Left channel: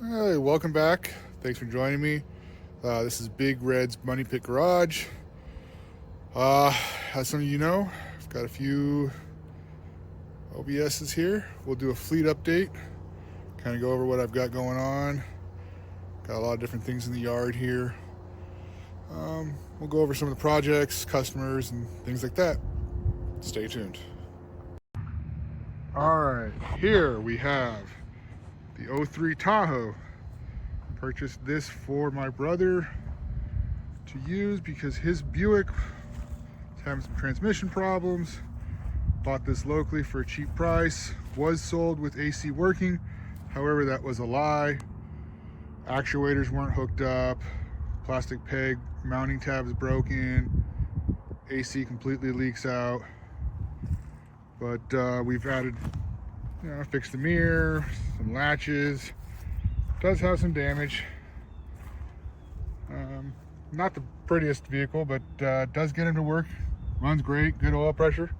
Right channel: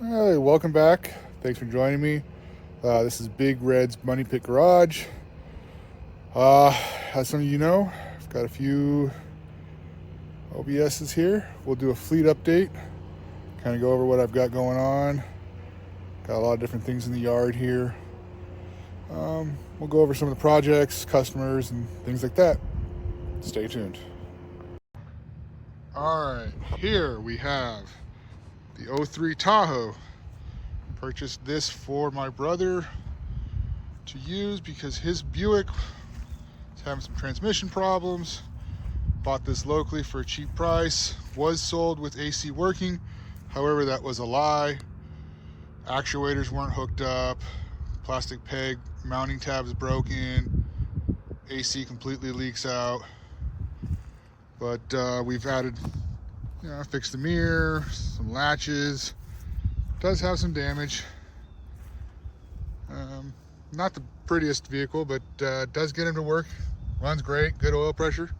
Hey, welcome back. Thanks for joining me. This is Big Red's Money Pit Garage. As some of you know, I've got a few OBSs here. We'll do a fleet update, kind of go over what I've got going on. Got a lot of different things in the yard here. We'll go over some of the projects, customers, and things like that. Stay tuned. All right, here we have the 03 Tahoe. Purchased this for my brother to use because his Buick is having some transmission problems. Bought this locally for a cheap price. Was sold with AC working. However, that was a lie. Actuators weren't hooked up. Plastic peg mounting tabs broken. AC completely leaks out. But we've added, fixed the mirror, some latches. Does have some damage. Not the prettiest vehicle, but does get him to work. Runs great, good oil pressure.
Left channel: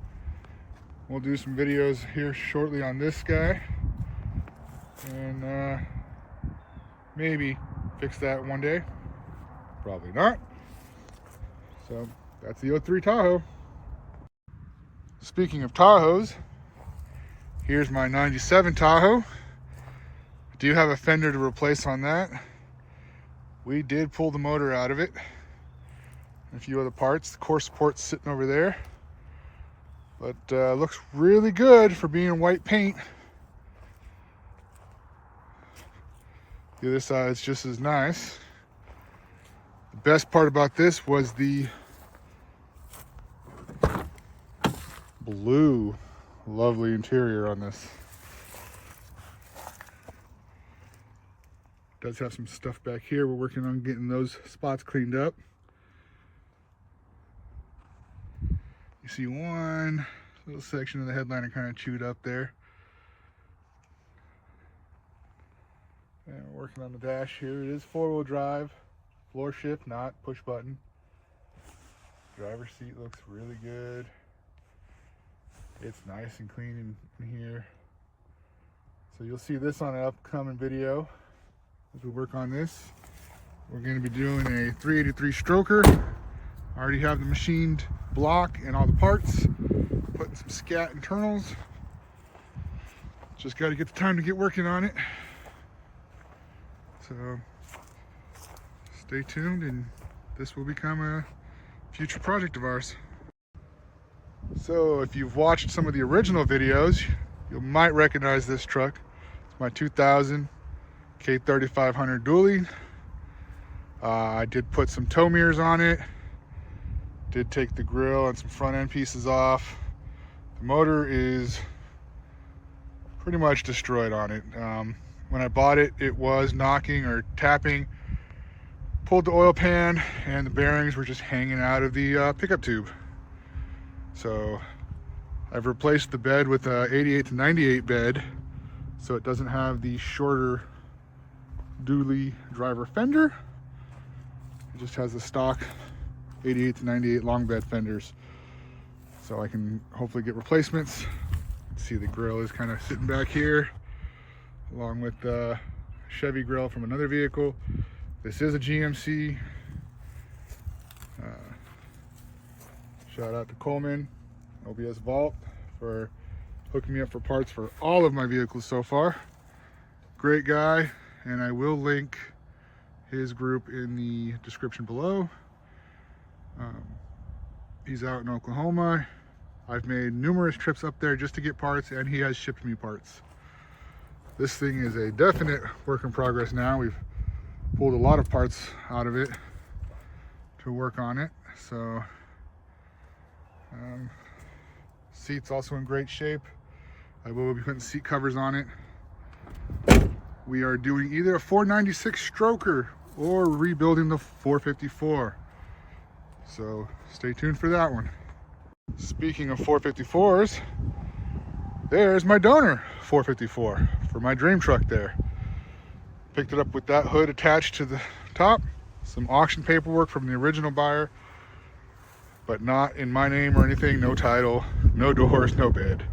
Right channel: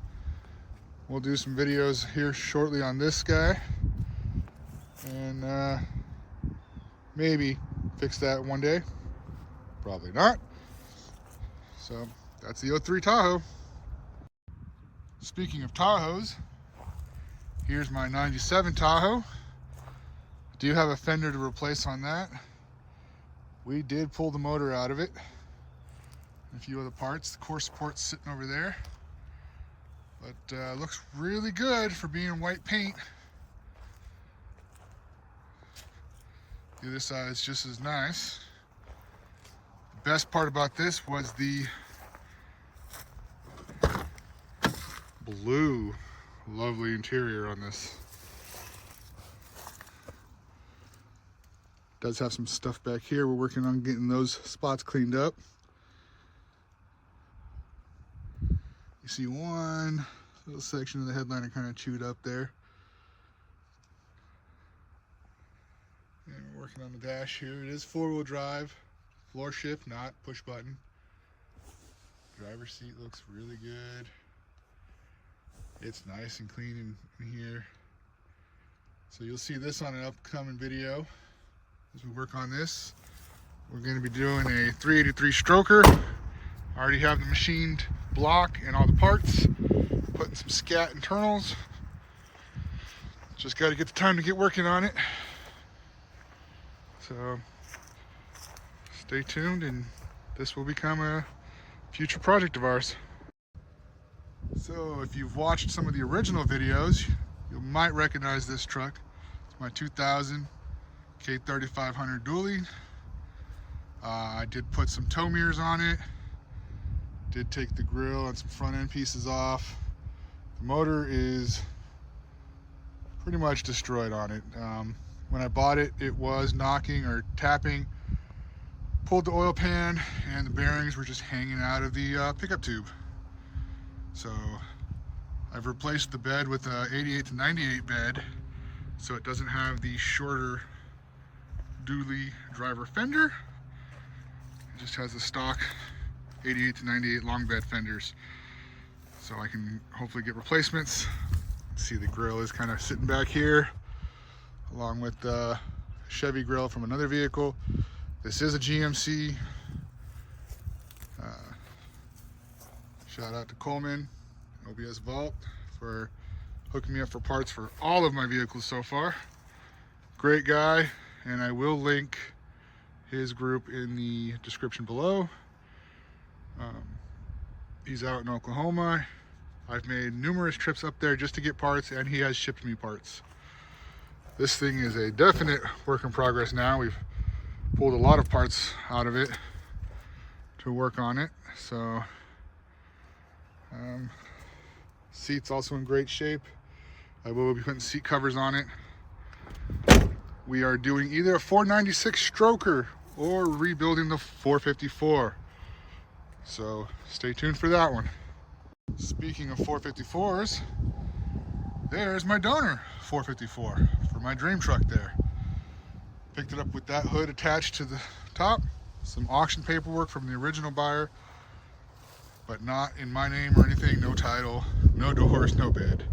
We'll do some videos here shortly on this guy. And maybe fix that one day. Probably not. So that's the 03 Tahoe. Speaking of Tahoes, here's my 97 Tahoe. Do have a fender to replace on that. We did pull the motor out of it. A few other parts. The core support's sitting over there. But looks really good for being white paint. The other side's just as nice. The best part about this was the blue, lovely interior on this. Does have some stuff back here. We're working on getting those spots cleaned up. You see one little section of the headliner kind of chewed up there. And we're working on the dash here. It is 4-wheel drive, floor shift, not push button. Driver's seat looks really good. It's nice and clean in here. So you'll see this on an upcoming video. As we work on this, we're going to be doing a 383 stroker. I already have the machined block and all the parts. Putting some scat internals. Just got to get the time to get working on it. So stay tuned, and this will become a future project of ours. So if you've watched some of the original videos, you might recognize this truck. It's my 2000 K3500 dually. I did put some tow mirrors on it. Did take the grill and some front end pieces off. The motor is pretty much destroyed on it. When I bought it, it was knocking or tapping. Pulled the oil pan and the bearings were just hanging out of the pickup tube. So I've replaced the bed with a 88 to 98 bed, so it doesn't have the shorter dually driver fender. It just has the stock 88 to 98 long bed fenders, so I can hopefully get replacements. See, the grill is kind of sitting back here along with the Chevy grill from another vehicle. This is a GMC. Shout out to Coleman OBS Vault for hooking me up for parts for all of my vehicles so far. Great guy. And I will link his group in the description below. He's out in Oklahoma. I've made numerous trips up there just to get parts, and he has shipped me parts. This thing is a definite work in progress now. We've pulled a lot of parts out of it to work on it. So seat's also in great shape. I will be putting seat covers on it. We are doing either a 496 stroker or rebuilding the 454. So stay tuned for that one. Speaking of 454s, there's my donor 454 for my dream truck there. Picked it up with that hood attached to the top. Some auction paperwork from the original buyer, but not in my name or anything. No title, no doors, no bed.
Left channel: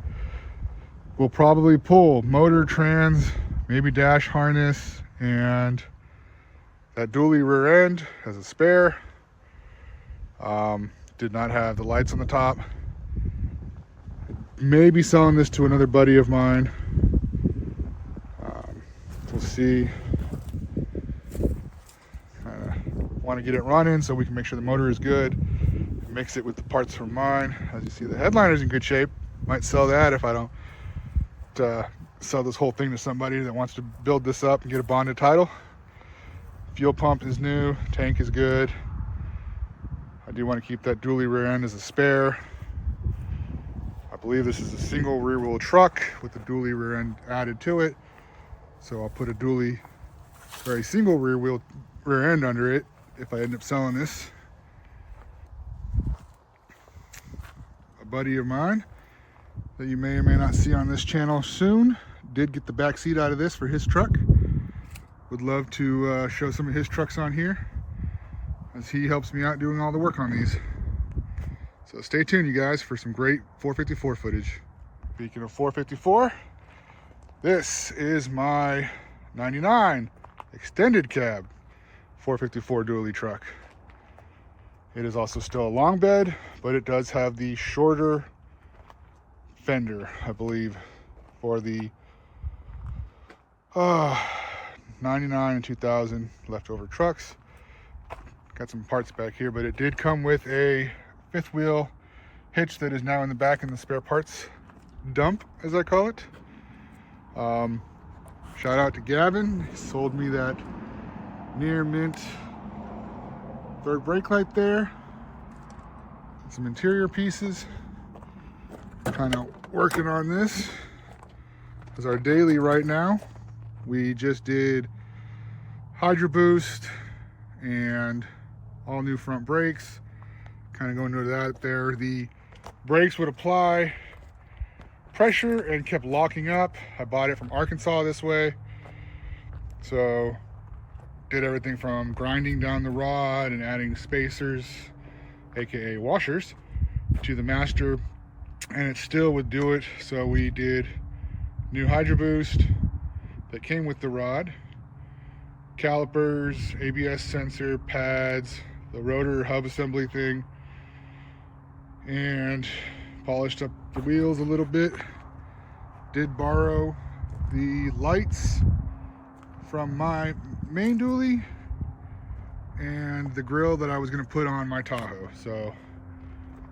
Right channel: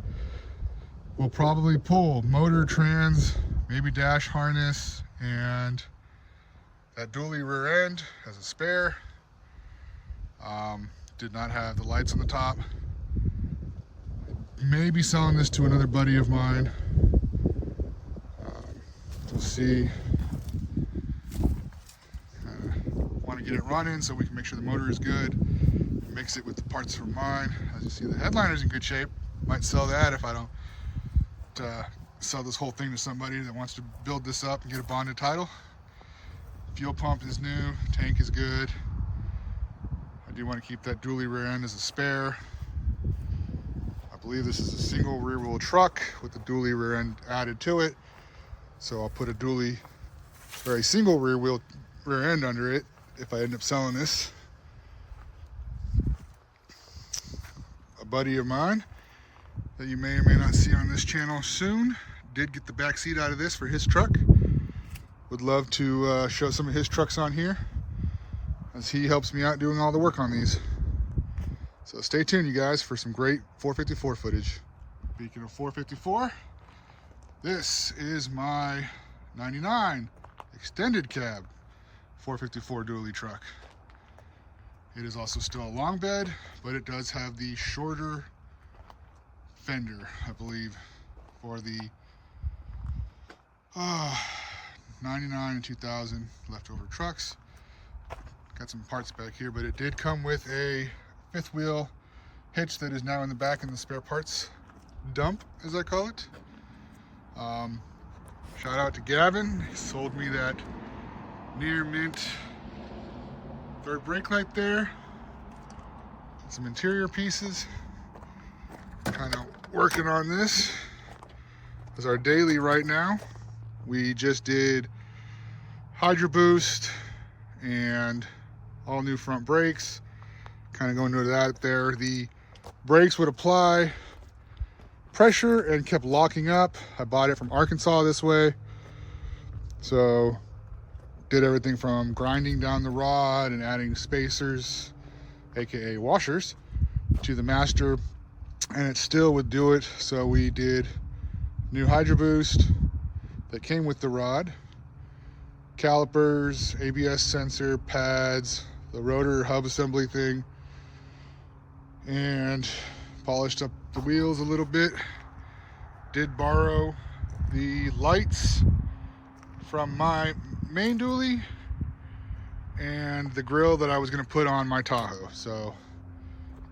We'll probably pull motor, trans, maybe dash harness, and that dually rear end as a spare. Did not have the lights on the top. Maybe selling this to another buddy of mine. We'll see. Want to get it running so we can make sure the motor is good. Mix it with the parts from mine. As you see, the headliner's in good shape. Might sell that if I don't sell this whole thing to somebody that wants to build this up and get a bonded title. Fuel pump is new, tank is good. I do want to keep that dually rear end as a spare. I believe this is a single rear wheel truck with the dually rear end added to it. So I'll put a dually or a single rear end under it if I end up selling this. A buddy of mine that you may or may not see on this channel soon did get the back seat out of this for his truck. Would love to show some of his trucks on here, as he helps me out doing all the work on these. So stay tuned, you guys, for some great 454 footage. Speaking of 454, this is my 99 extended cab 454 dually truck. It is also still a long bed, but it does have the shorter fender, I believe, for the 99 and 2000 leftover trucks. Got some parts back here, but it did come with a fifth wheel hitch that is now in the back in the spare parts dump, as I call it. Shout out to Gavin. He sold me that near mint third brake light there. And some interior pieces. Kind of working on this as our daily right now. We just did Hydro Boost and all new front brakes. Kind of going into that there. The brakes would apply pressure and kept locking up. I bought it from Arkansas this way. So did everything from grinding down the rod and adding spacers, aka washers, to the master, and it still would do it. So we did new Hydro Boost that came with the rod, calipers, ABS sensor, pads, the rotor hub assembly thing, and polished up the wheels a little bit. Did borrow the lights from my main dually and the grill that I was going to put on my Tahoe. So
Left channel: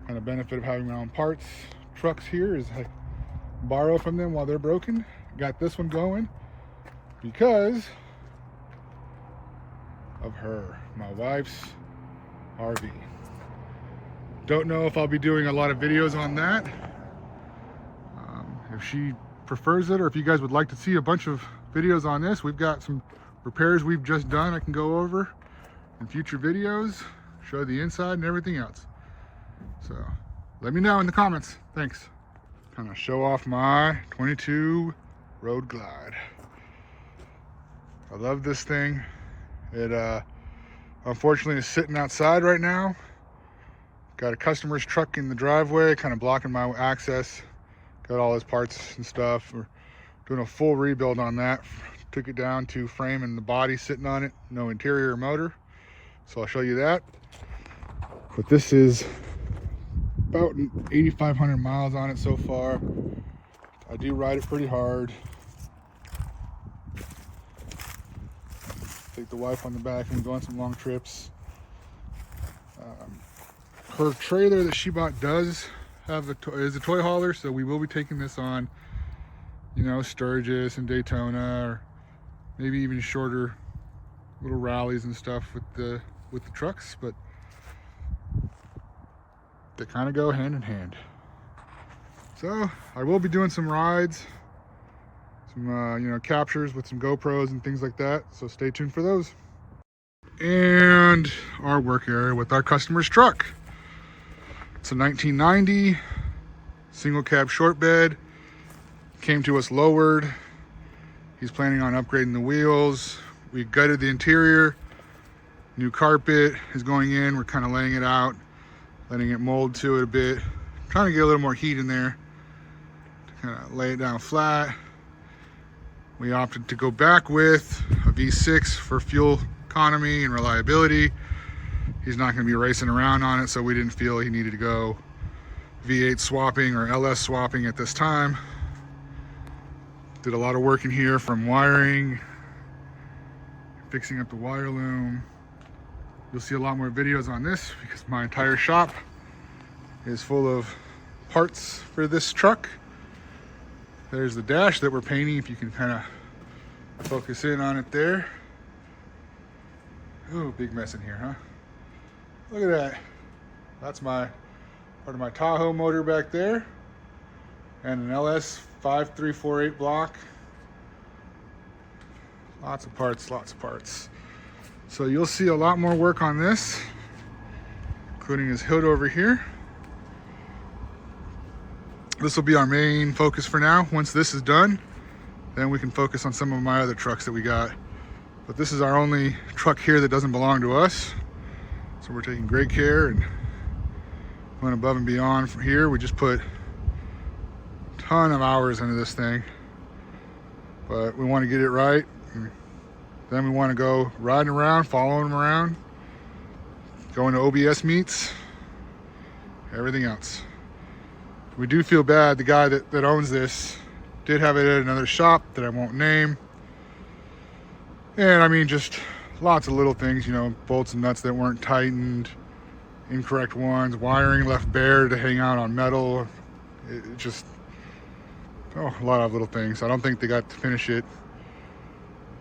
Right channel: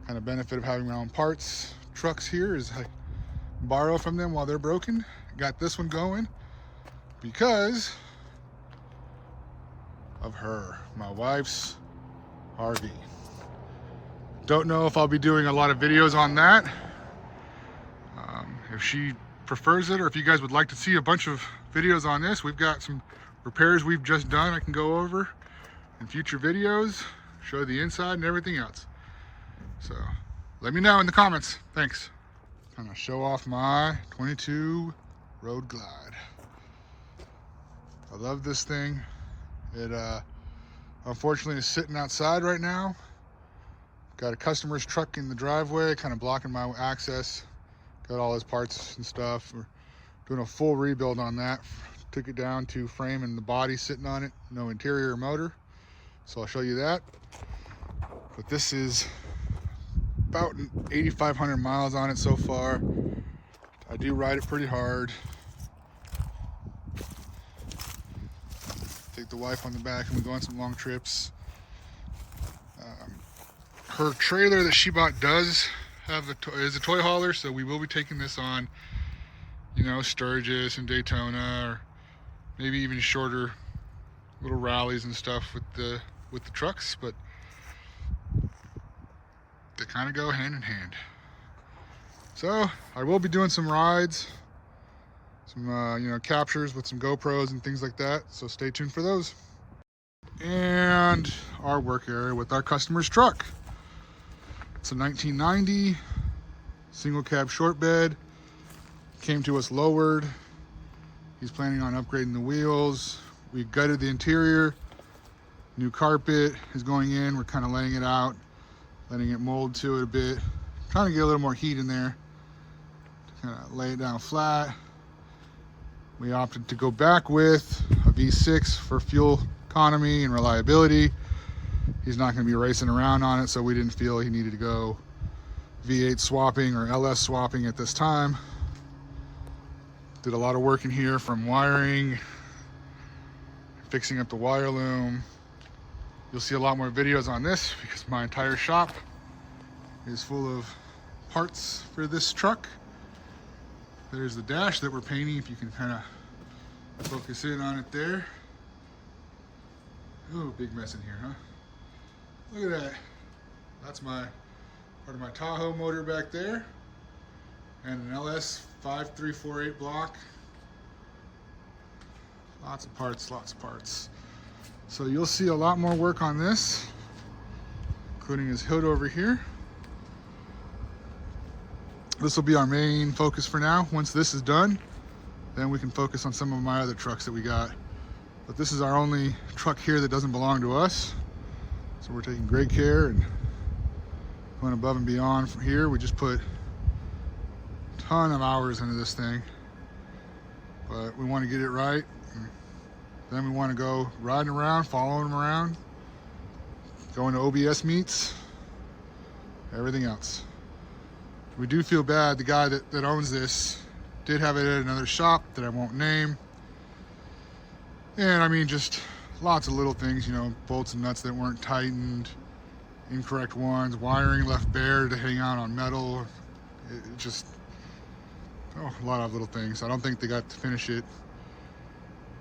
kind of benefit of having my own parts trucks here is I borrow from them while they're broken. Got this one going because of her, my wife's RV. Don't know if I'll be doing a lot of videos on that. If she prefers it, or if you guys would like to see a bunch of videos on this, we've got some repairs we've just done I can go over in future videos, show the inside and everything else. So let me know in the comments. Thanks. Kind of show off my 22 Road Glide. I love this thing. It unfortunately is sitting outside right now. Got a customer's truck in the driveway, kind of blocking my access. Got all his parts and stuff. We're doing a full rebuild on that. Took it down to frame and the body sitting on it. No interior or motor. So I'll show you that. But this is about 8,500 miles on it so far. I do ride it pretty hard. Take the wife on the back and we go on some long trips. Her trailer that she bought does have is a toy hauler, so we will be taking this on, you know, Sturgis and Daytona, or maybe even shorter little rallies and stuff with the trucks, but they kind of go hand in hand. So I will be doing some rides, some you know, captures with some GoPros and things like that, so stay tuned for those. And our work area with our customer's truck. It's a 1990 single cab short bed. Came to us lowered. He's planning on upgrading the wheels. We gutted the interior. New carpet is going in. We're kind of laying it out, letting it mold to it a bit. Trying to get a little more heat in there to kind of lay it down flat. We opted to go back with a V6 for fuel economy and reliability. He's not going to be racing around on it, so we didn't feel he needed to go V8 swapping or LS swapping at this time. Did a lot of work in here, from wiring, fixing up the wire loom. You'll see a lot more videos on this because my entire shop is full of parts for this truck. There's the dash that we're painting, if you can kind of focus in on it there. Ooh, big mess in here, huh? Look at that. That's my part of my Tahoe motor back there, and an LS 5348 block. Lots of parts, lots of parts. So you'll see a lot more work on this, including his hood over here. This will be our main focus for now. Once this is done, then we can focus on some of my other trucks that we got. But this is our only truck here that doesn't belong to us. So we're taking great care and going above and beyond from here. We just put a ton of hours into this thing, but we want to get it right. And then we want to go riding around, following them around, going to OBS meets, everything else. We do feel bad. The guy that owns this did have it at another shop that I won't name. And I mean, just lots of little things, you know, bolts and nuts that weren't tightened, incorrect ones, wiring left bare to hang out on metal. It just, a lot of little things. I don't think they got to finish it.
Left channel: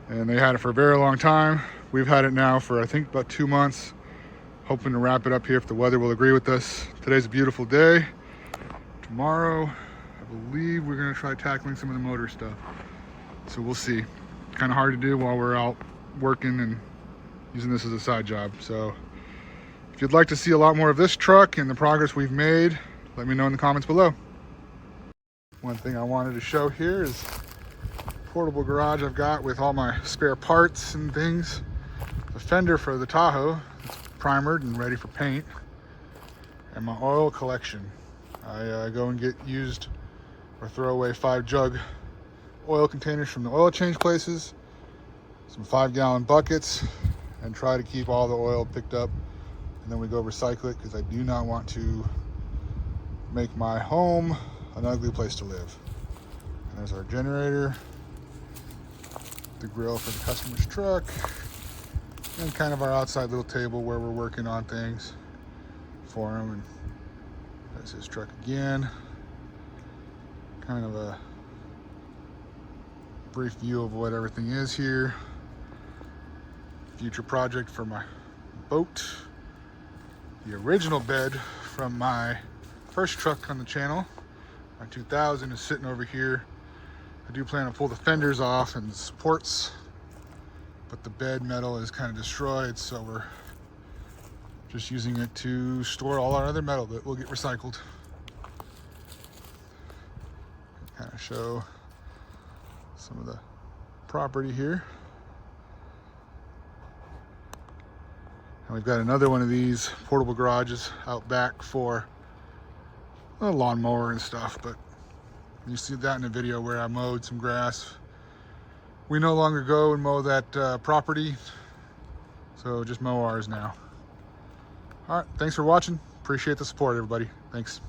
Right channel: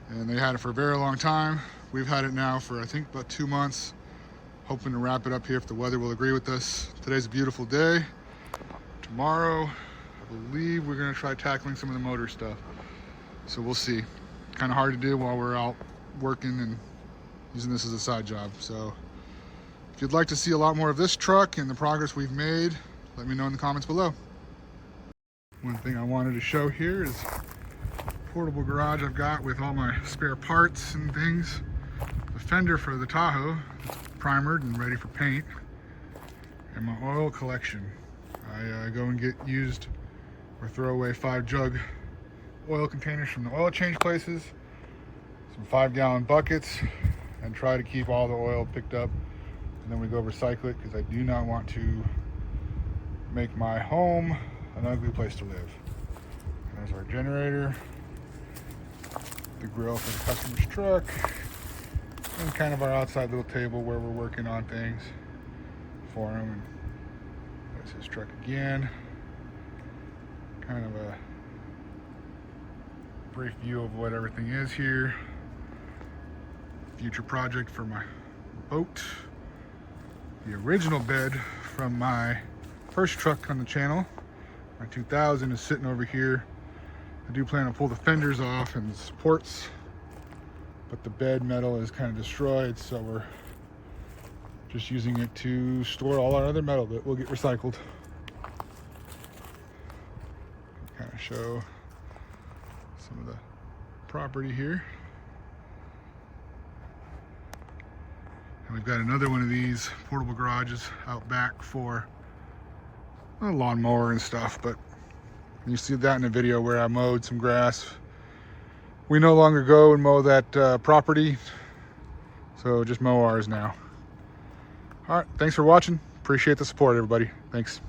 And they had it for a very long time. We've had it now for, I think, about 2 months. Hoping to wrap it up here if the weather will agree with us. Today's a beautiful day. Tomorrow, I believe we're gonna try tackling some of the motor stuff. So we'll see. Kind of hard to do while we're out working and using this as a side job. So if you'd like to see a lot more of this truck and the progress we've made, let me know in the comments below. One thing I wanted to show here is the portable garage I've got with all my spare parts and things. The fender for the Tahoe, primered and ready for paint, and my oil collection. I go and get used or throw away 5 jug oil containers from the oil change places, some 5-gallon buckets, and try to keep all the oil picked up, and then we go recycle it because I do not want to make my home an ugly place to live. And there's our generator, the grill for the customer's truck, and kind of our outside little table where we're working on things for him. And there's his truck again. Kind of a brief view of what everything is here. Future project for my boat. The original bed from my first truck on the channel, my 2000, is sitting over here. I do plan to pull the fenders off and the supports, but the bed metal is kind of destroyed, so we're just using it to store all our other metal that will get recycled. Kind of show some of the property here. And we've got another one of these portable garages out back for a lawnmower and stuff, but you see that in a video where I mowed some grass. We no longer go and mow that property, so just mow ours now. All right, thanks for watching. Appreciate the support, everybody. Thanks.